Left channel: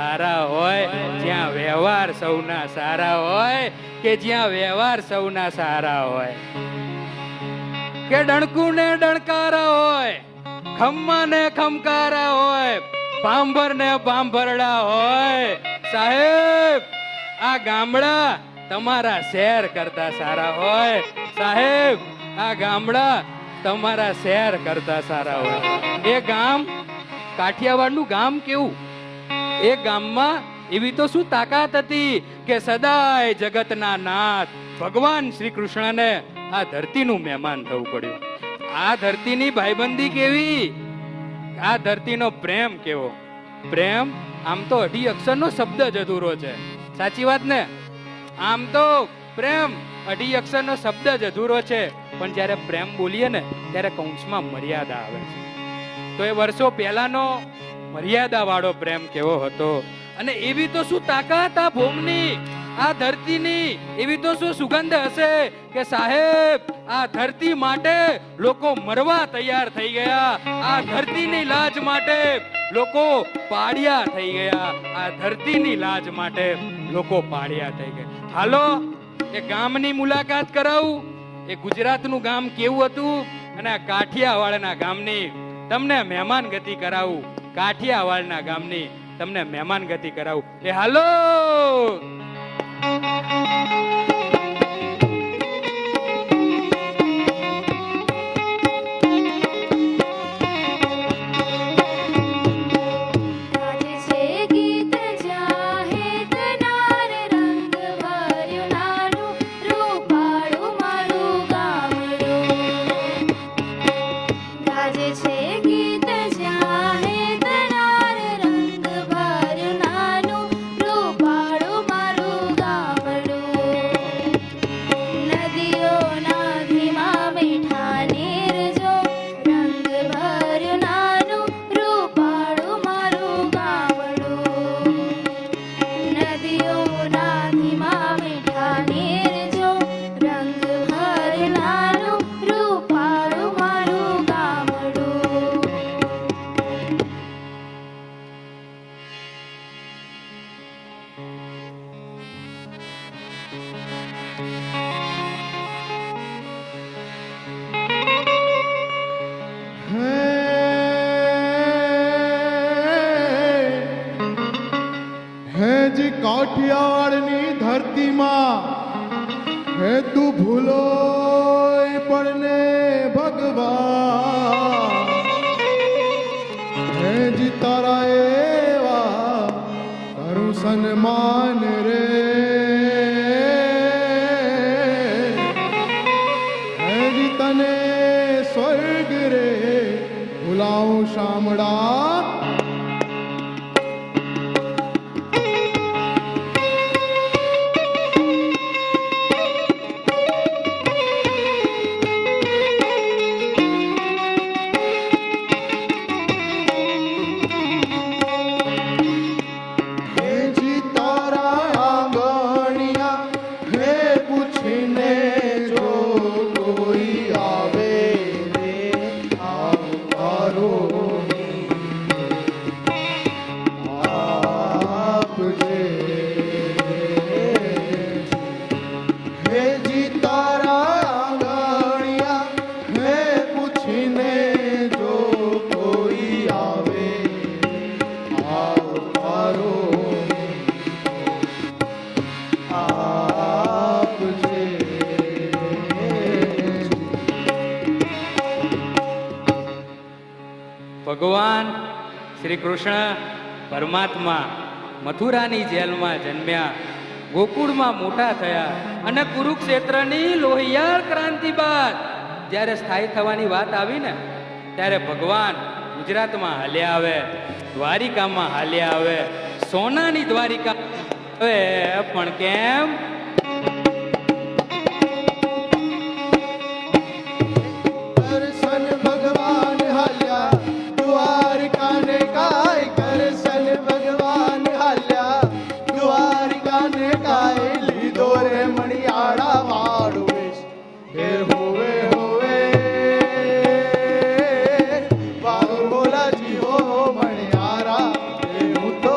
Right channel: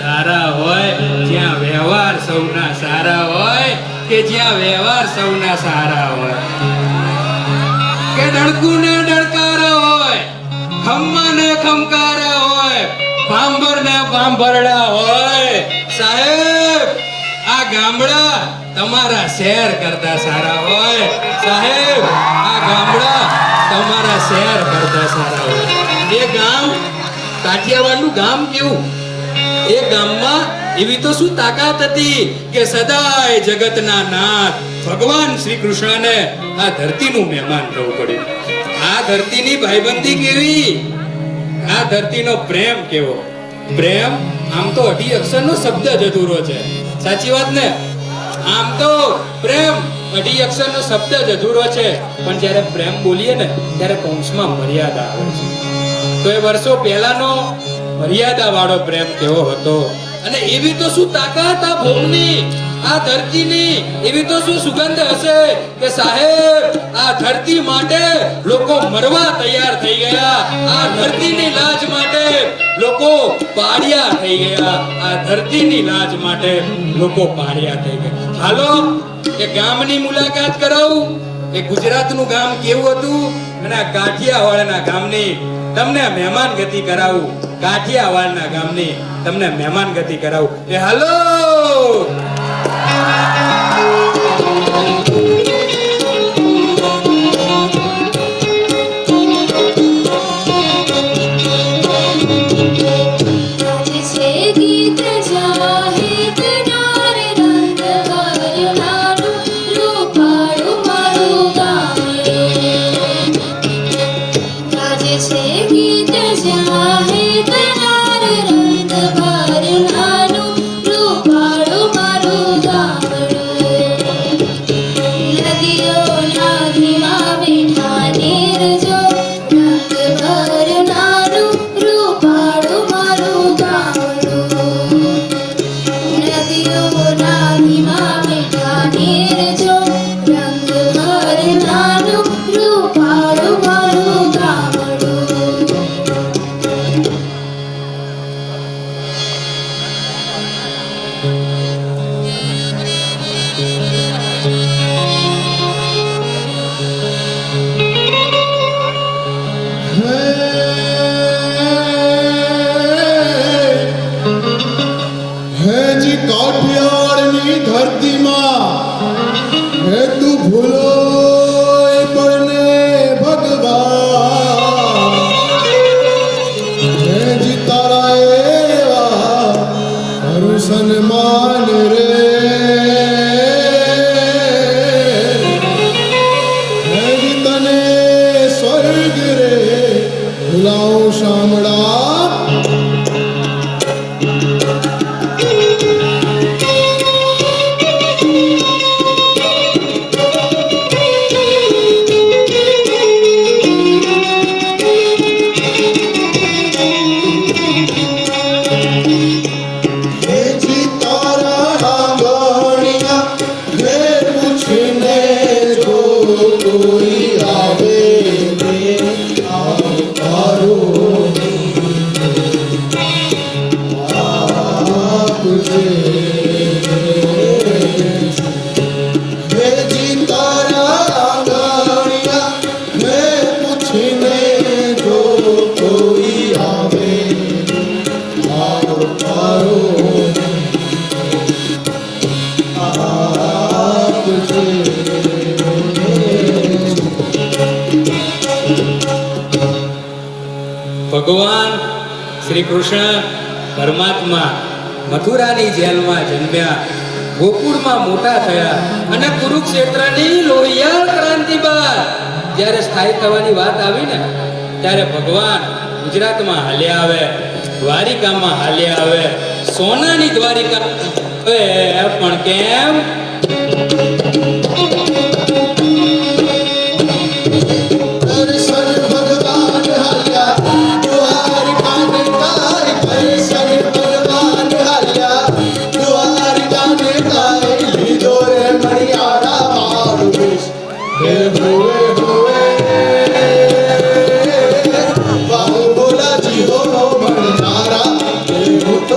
તારા હોય જ્યાં વ્યવહાર સૌના સારા હોય કે જ્યાં વ્યવહાર સૌના સારા હોય કે ડણકું ને ડણકારો હોય ખમ્મા ને ખમકારો હોય ભાંભર ને ભાંભરડા હોય સાહેબ આ ગામડા તમારા શહેર કરતા સારા હોય સાહેબ આ ગામડા તમારા શહેર કરતા સારા હોય એ ગામ કાઠિયાવાડનું ગામ કેવું એ ગામમાં એવી તો શું તાકાત હતી કે સદાય જગતના નાથ ભગવાન શ્રી કૃષ્ણને આ ધરતીનું મહેમાન થવું પડ્યું આ ધરતીની ભાઈબંધી કેવી આ ધરતીનો પ્રેમ કેવો પ્રેમ આમ તો 8 અક્ષરનો શબ્દ જ અધૂરો છે સાચી વાત ને આમ તો પ્રેમ 8 અક્ષરનો શબ્દ જ અધૂરો છે પણ જ્યારે પ્રેમ બોલીએ ને ત્યારે કૌંસમાં મર્યાદા આવે છે તો એ વર્ષો પહેલાનો મર્યાદા વાળો પ્રેમ કેવો હતો અને એવી તો શું તાકાત આ ભૂમિની આ ધરતીની એવી તો શું સુગંધ હશે કે સાહેબ આ ધરતી માટે લોકો મરવા તૈયાર થઈ ગયા આ ધરતીની લાજ માટે લોકો પાડ્યા થઈ ગયા આ ધરતીની લાજ માટે લોકો પાડ્યા થઈ ગયા હાલો એ ગામની મુલાકાત કરાવું એ ગુજરાતનું ગામ કેવું હતું અને આ કાઠિયાવાડના ગામની તમને મહેમાન ગતિ કરાવું કાઠિયાવાડના ગામની તમને મહેમાન ગતિ કરાવું એ હાલો ભગવાન શ્રી કૃષ્ણ પરમાત્મા મથુરાની જેલમાં જન્મ્યા ગોકુળમાં મોટા થયા અને કુરુક્ષેત્રની લોહિયાળ ક્રાંતિ બાદ જ્યારે સ્થાયી થવાની વાત આવી ને ત્યારે ભગવાન ગુજરાતમાં હાલ્યા આવે દ્વારિકામાં હાલ્યા આવે સોનાની દ્વારિકા પણ કેમ Oh,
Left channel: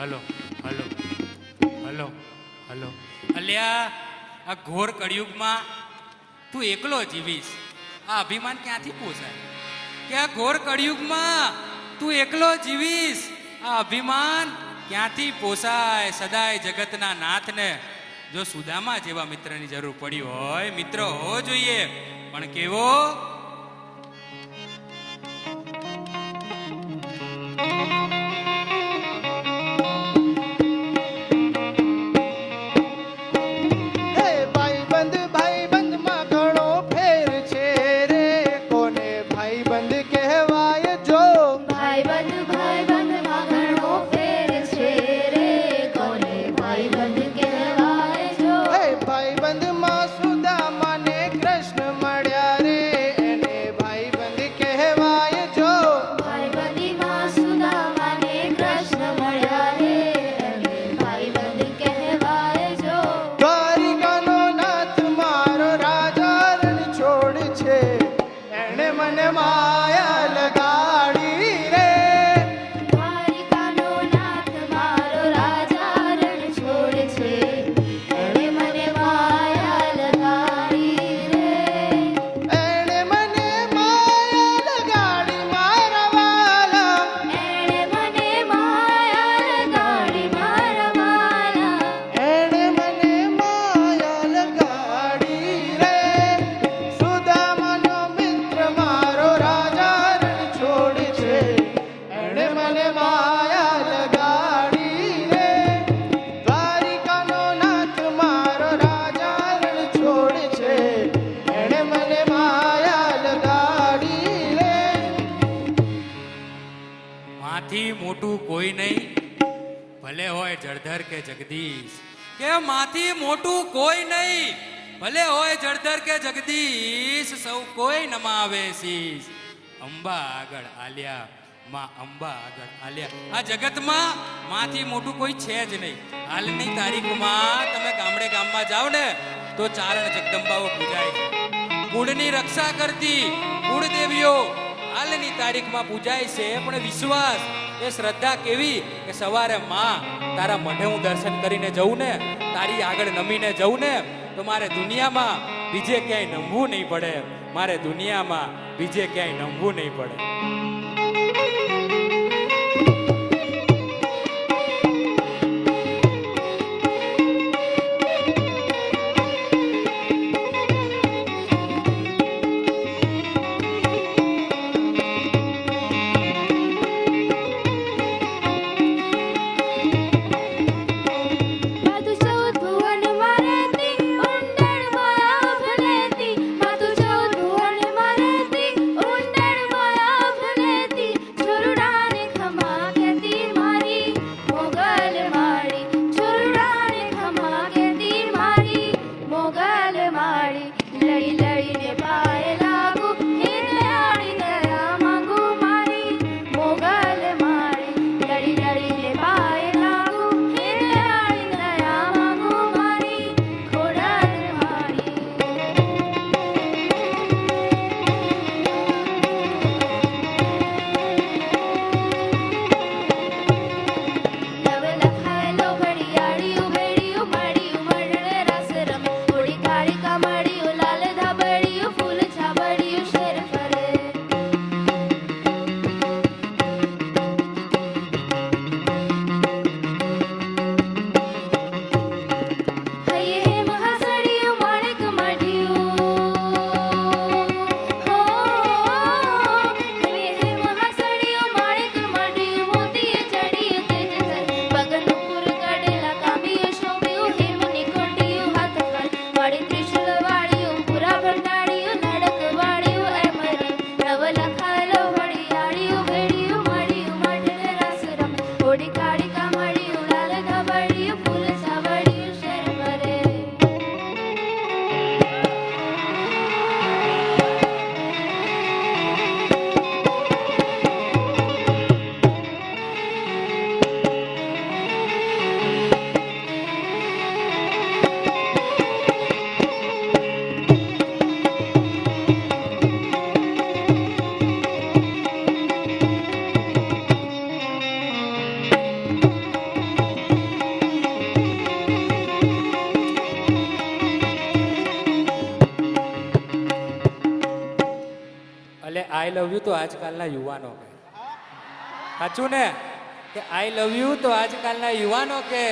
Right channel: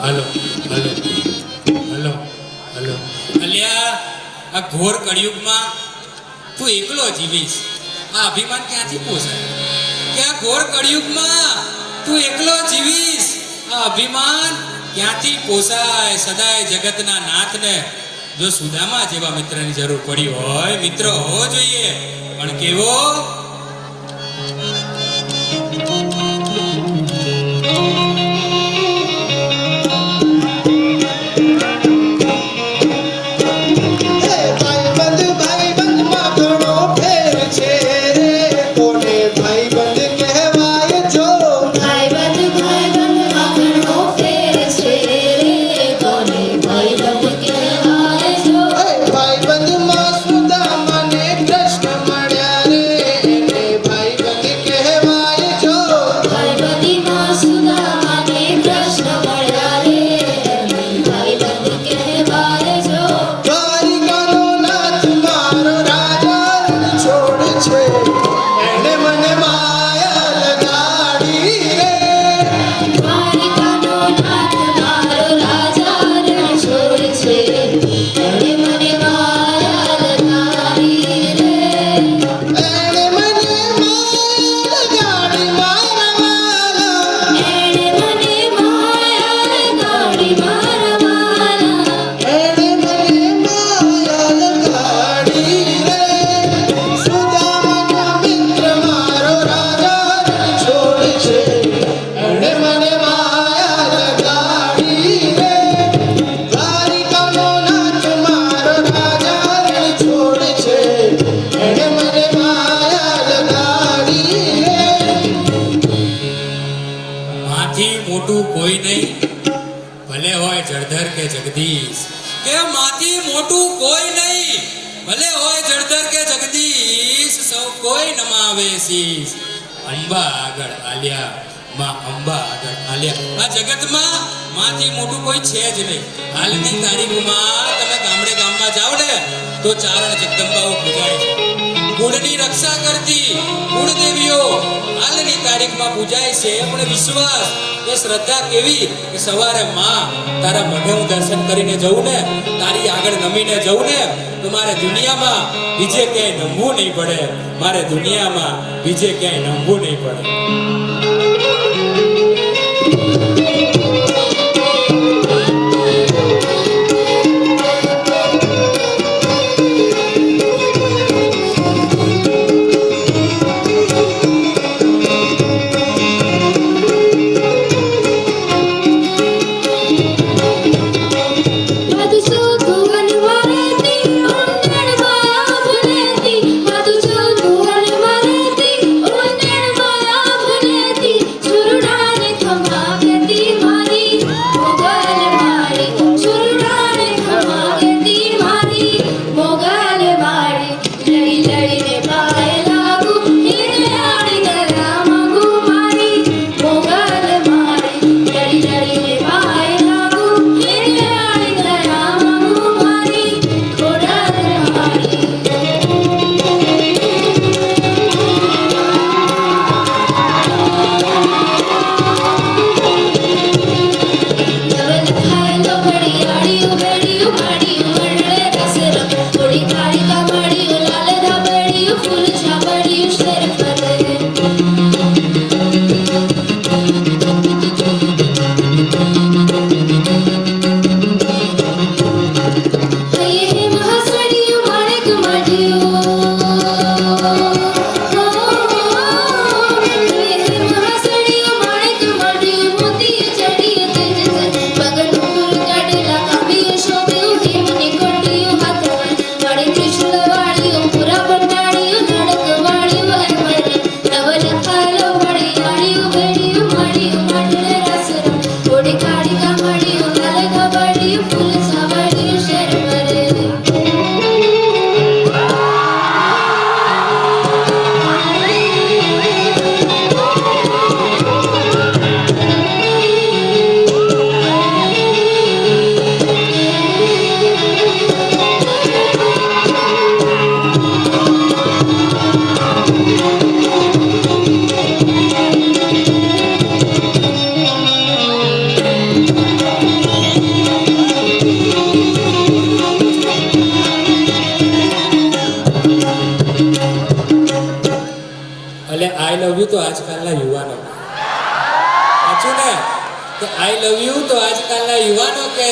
hello hello hello hello અલ્યા આ ઘોર કળિયુગમાં તું એકલો જીવીશ આ અભિમાન ક્યાંથી પોસાય કે આ ઘોર કળિયુગમાં તું એકલો જીવીશ આ અભિમાન ક્યાંથી પોસાય સદાય જગતના નાથને જો સુદામા જેવા મિત્રની જરૂર પડી હોય મિત્ર હોવો જોઈએ પણ કેવો જગદીશ એ માથી મોટું કોઈ નહીં ભલે હોય જળધર કે જગદીશ સૌ કોઈ નમાવે શીશ અંબા આગળ આલ્યા માં અંબા આગળ આલ્યા આ જગતમાં માથી મોટું કોઈ છે જ નહીં હાલની તારીખમાં તમે ગામડે ગામમાં જાવ ને તો ચારણ જગદંબાઓ પૂજાય છે કુળની રક્ષા કરતી કુળદેવીઓ હાલની તારીખમાં પૂજાય છે પણ વિશ્વાસ એ શ્રદ્ધા કેવી કે સવારે માં તારા મઢનું દર્શન કરીને જવું ને તારી આગળ નમીને જવું ને તો મારે દુનિયામાં બીજે ક્યાંય નમવું નહીં પડે મારે દુનિયામાં બીજે ક્યાંય નમવું નહીં પડે Thank you. I love you તો આજકાલના યુવાનો સાચું ને તો આઈ લવ યુ તો આજકાલના યુવાનો કે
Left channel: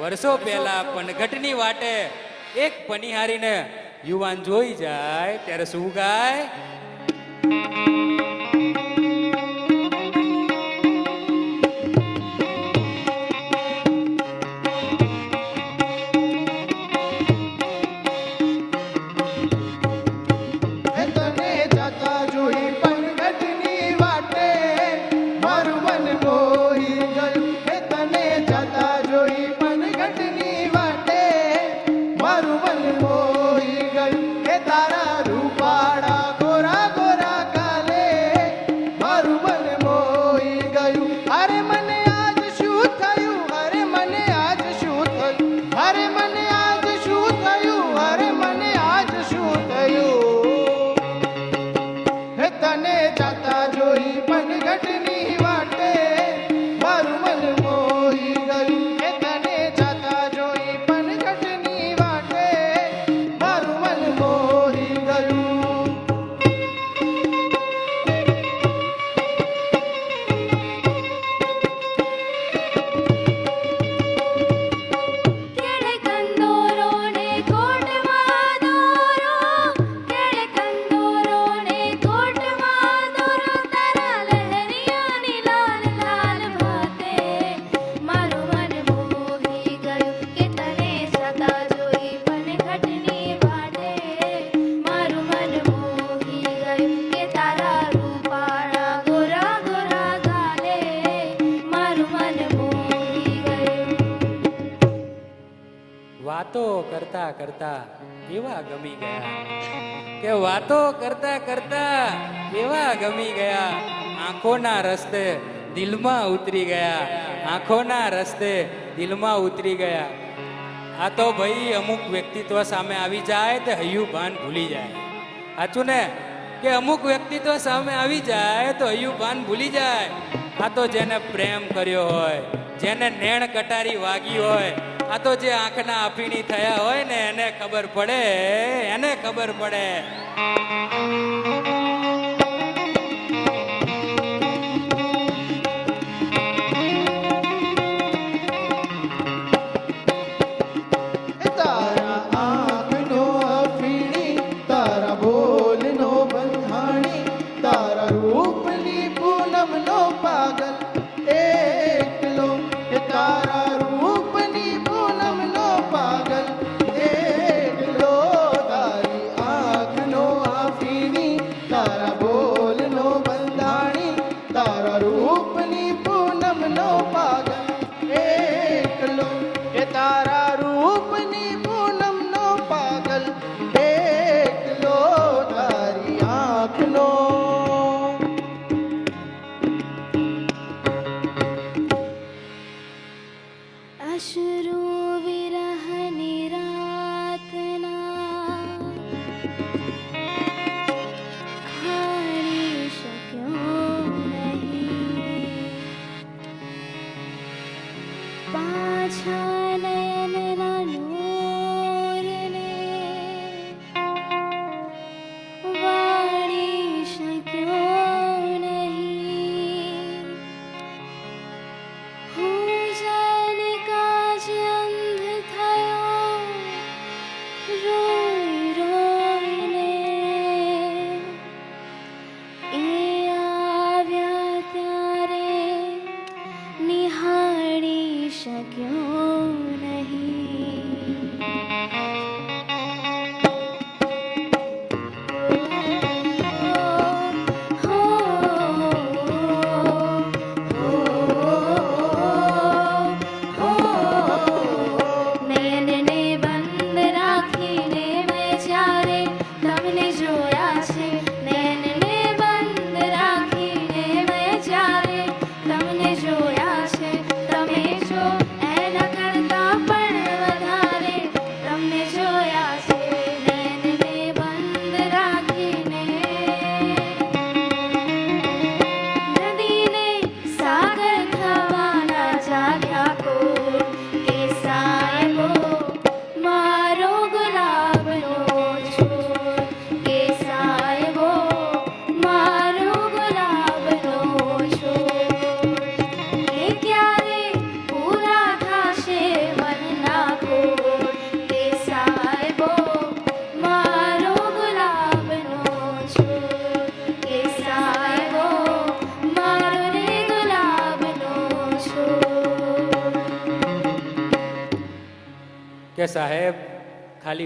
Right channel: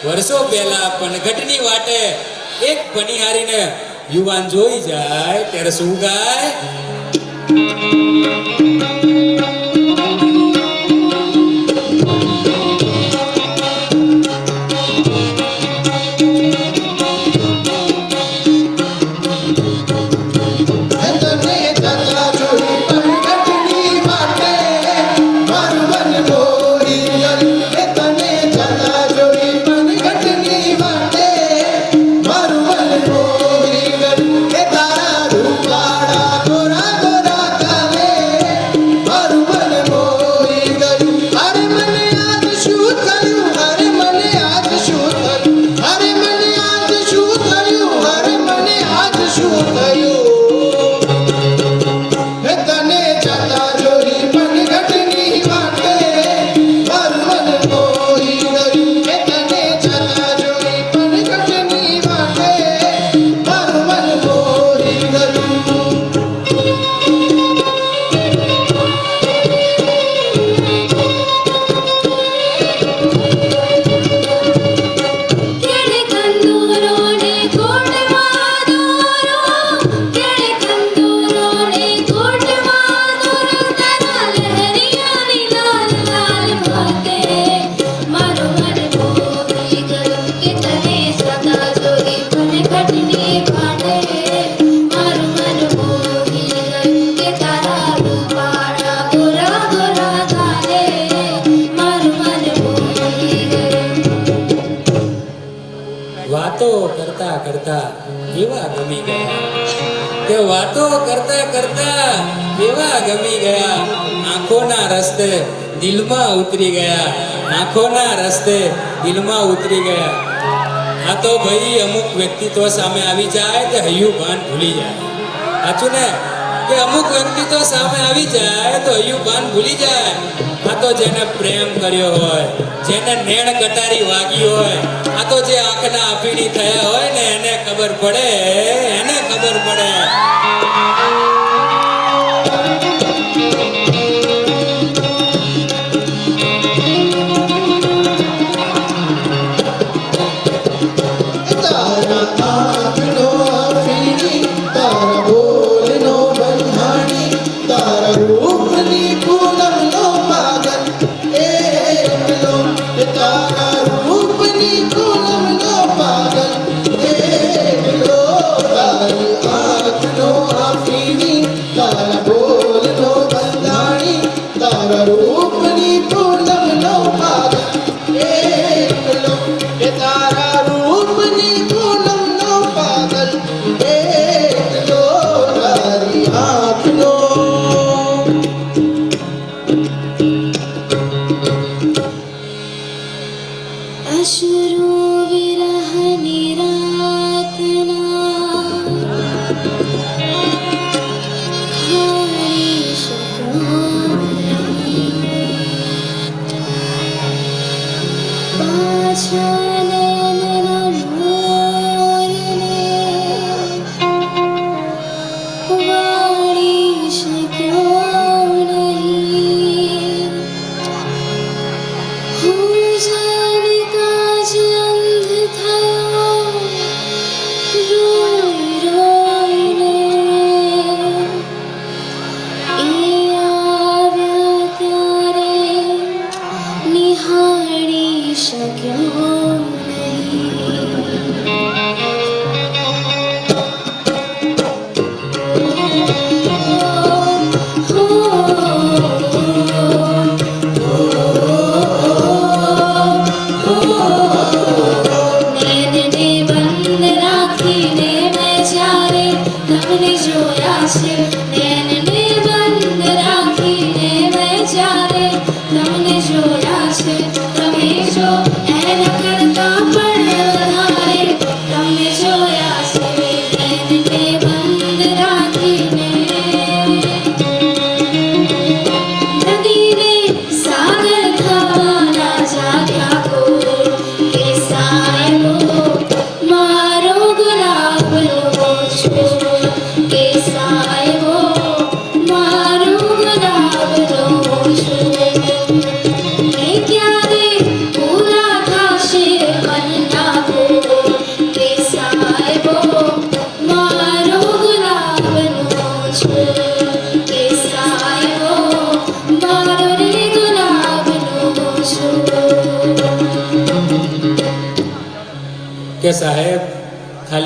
વર્ષો પહેલા પણ ઘટની વાટે એક બનિહારીને યુવાન જોઈ જાય ત્યારે શું ગાય વાતો કરતા કરતા એવા ગમી ગયા તો વાતો કરતા કરતા એવા ગમી ગયા આંખોના રસ્તે દિલમાં ઉતરી ગયા આંખોના રસ્તે દિલમાં ઉતરી ગયા આ તો ભાઈ અમુક વ્યક્તિત્વ સામે આવી જાય તો હૈયું ભાન ભૂલી જાય સાચું ને કે અમુક વ્યક્તિત્વ સામે આવી જાય તો હૈયું ભાન ભૂલી જાય આ તો જેને પ્રેમ કર્યો હોય જેને નેણ ગટારી વાગી હોય આ તો જે આંખના આપીડી થયા હોય ને એને ખબર પડે એને ખબર પડે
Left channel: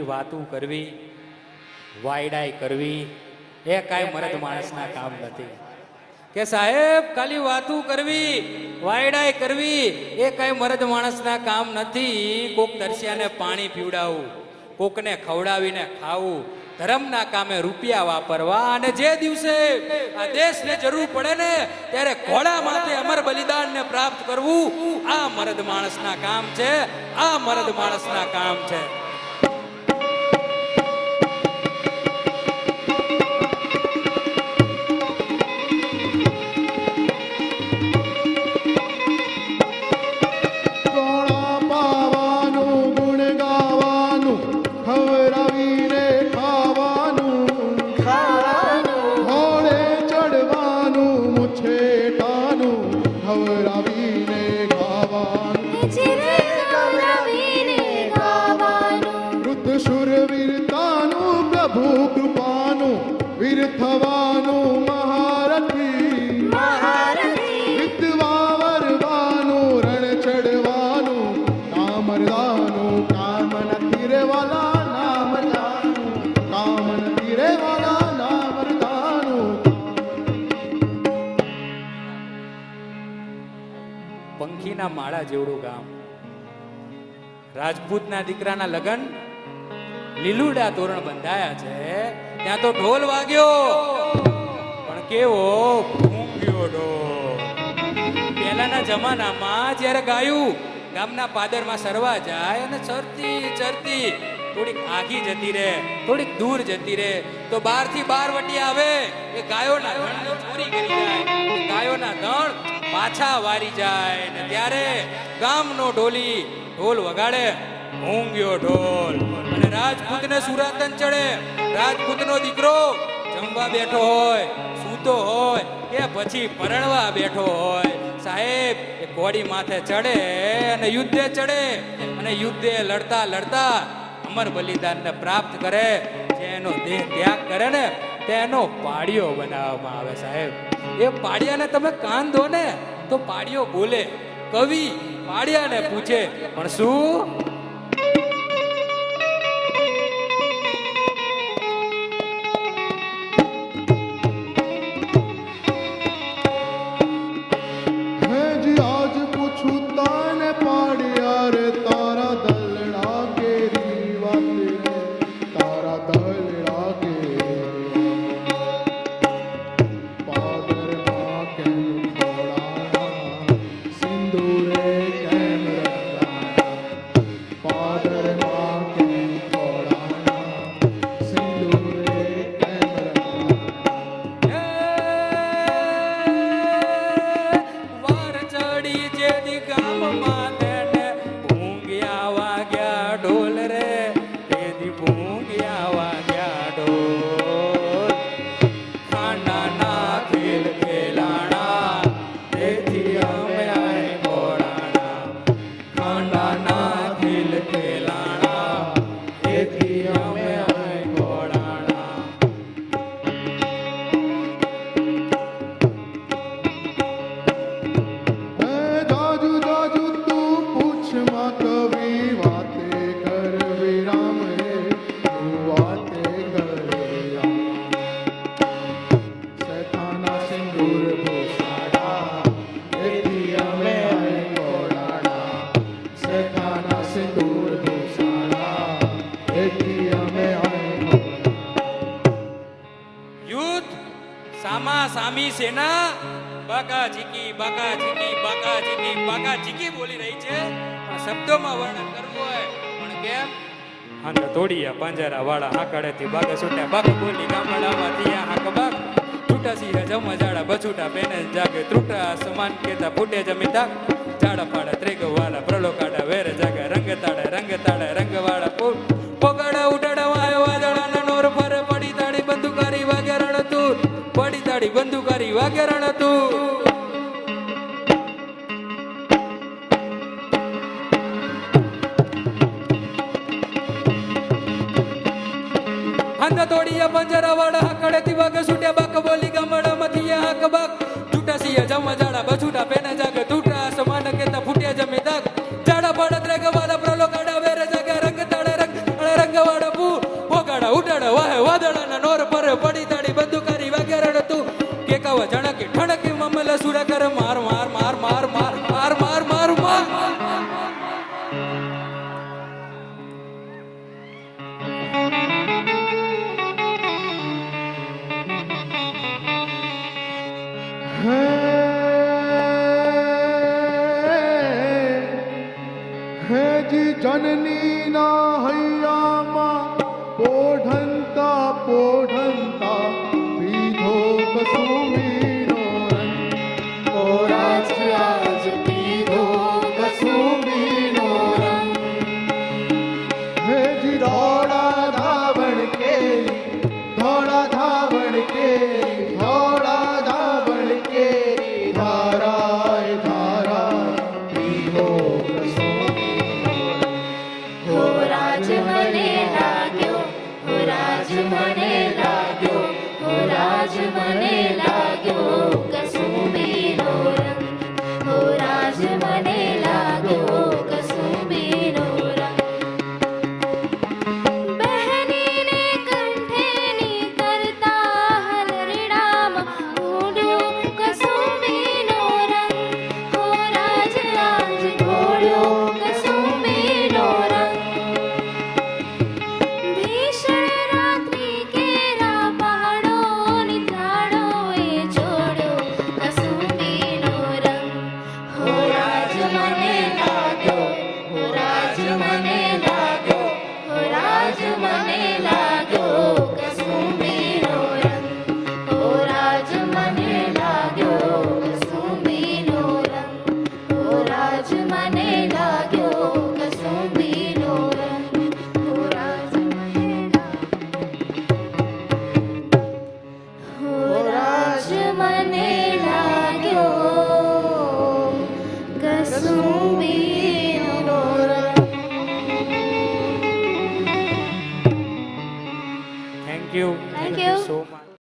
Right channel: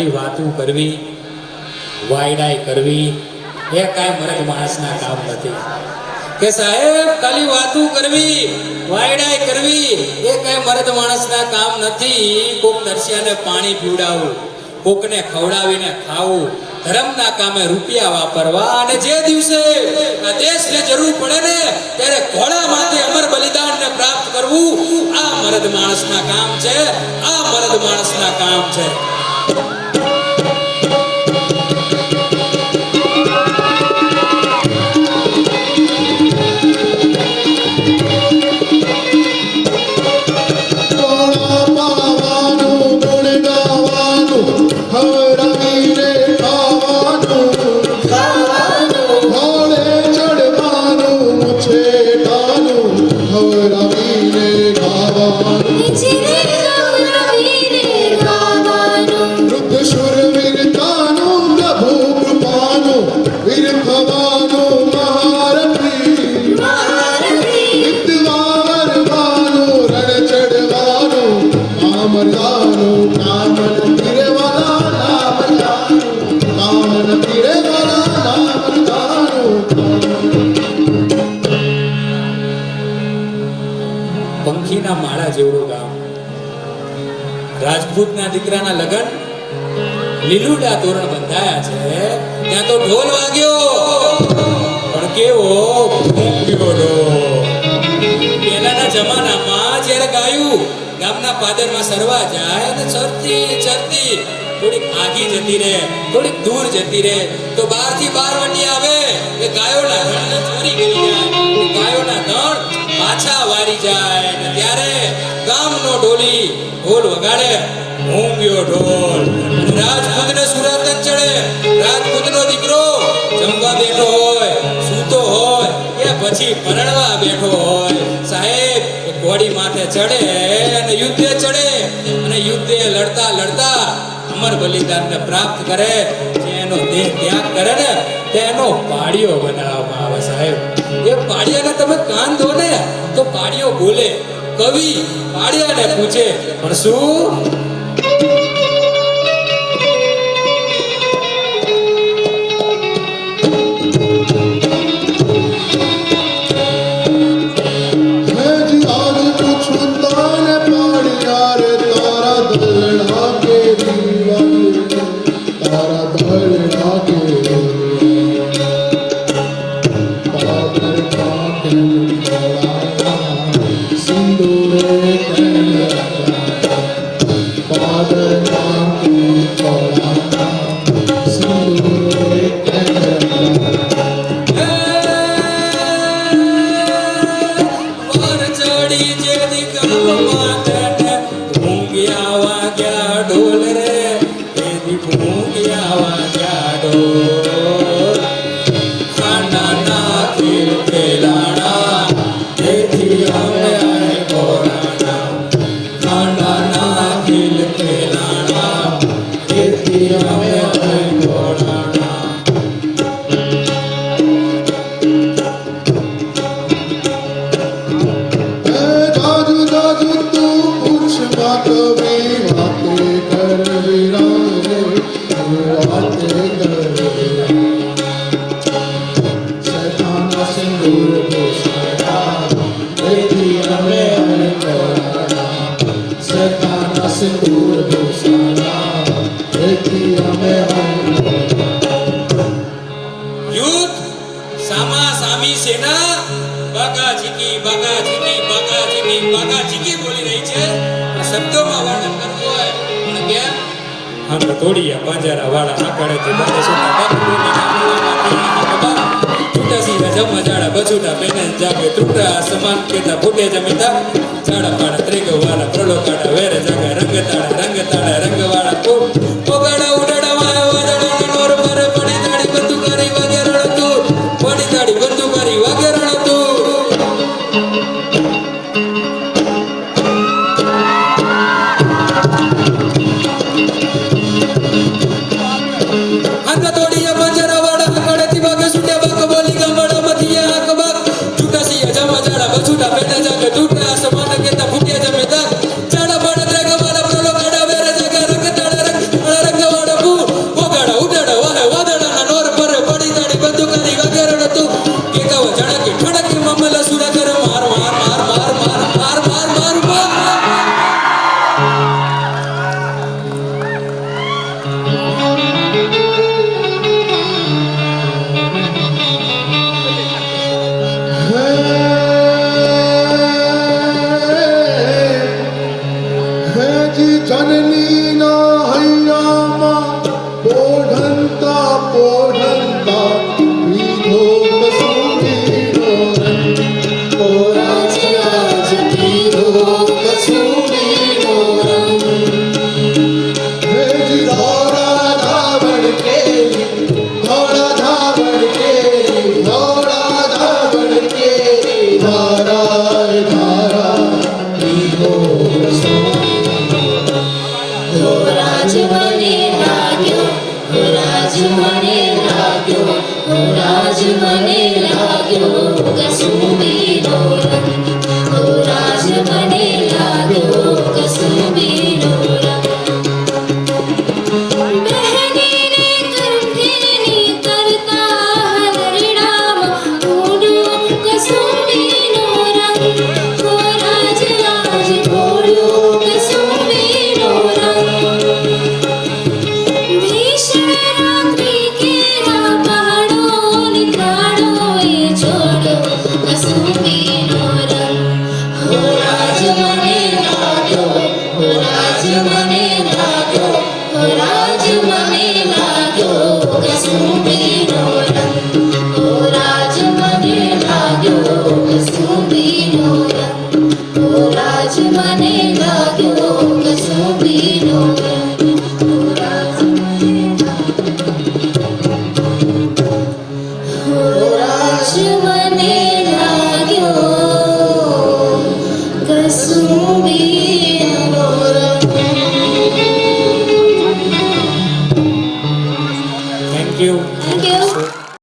ખાલી વાતું કરવી વાયડાઈ કરવી એ કાંઈ મરદ માણસના કામ નથી કે સાહેબ ખાલી વાતું કરવી વાયડાઈ કરવી એ કાંઈ મરદ માણસના કામ નથી કોક દર્શને પાણી પીવડાવવું કોકને ખવડાવીને ખાવું ધર્મના કામે રૂપિયા વાપરવા અને જે દિવસે આ દેશને જરૂર પડે ને ત્યારે ઘોડામાંથી અમર બલિદાનને પ્રાપ્ત કરવું આ મરદ માણસના કામ છે આ મરદ માણસના કામ છે પંખીના માળા જેવડું ગામ રાજપૂતના દીકરાના લગન લીલુડા તોરણ બંધાયા છે ત્યાં તો ઢોલ વાગ્યો પણ કેવો ભૂંક્યો ઢોલ પહેલાના જમાનામાં જ્યારે ગાયું ગામના પાદરમાં સરવા જાય તો ચરતી ચરતી થોડીક આગી જતી રહે થોડીક દૂર જતી રહે તો બહારથી બારવટી આવે કે ગાયોના ગણને ચોરી કરી જાય ગાયોના ગણ પાછા વાળી જાય ત્યારે ગામનો ઢોલી ઢોલ વગાડે મૂંગ્યો ઢોલ રાજપૂતને સુરત ચડે રાજપૂતનો દીકરો જમવા બેઠો હોય સૂતો હોય કે પછી પરણવા બેઠો હોય સાહેબ ઘોડી માથે ચડે અને યુદ્ધે ચડે અને યુદ્ધે લડતા લડતા અમર બલિદાનને પ્રાપ્ત કરે જેનો દેહ ત્યાગ કરે ને તેનો પાડીઓ બનાવવામાં આવે સાહેબ એ પાડીયાને તમે કાન ધો ને તો પાડીઓ બોલે કવિ પાડીયાને પૂછે પણ શું સમાન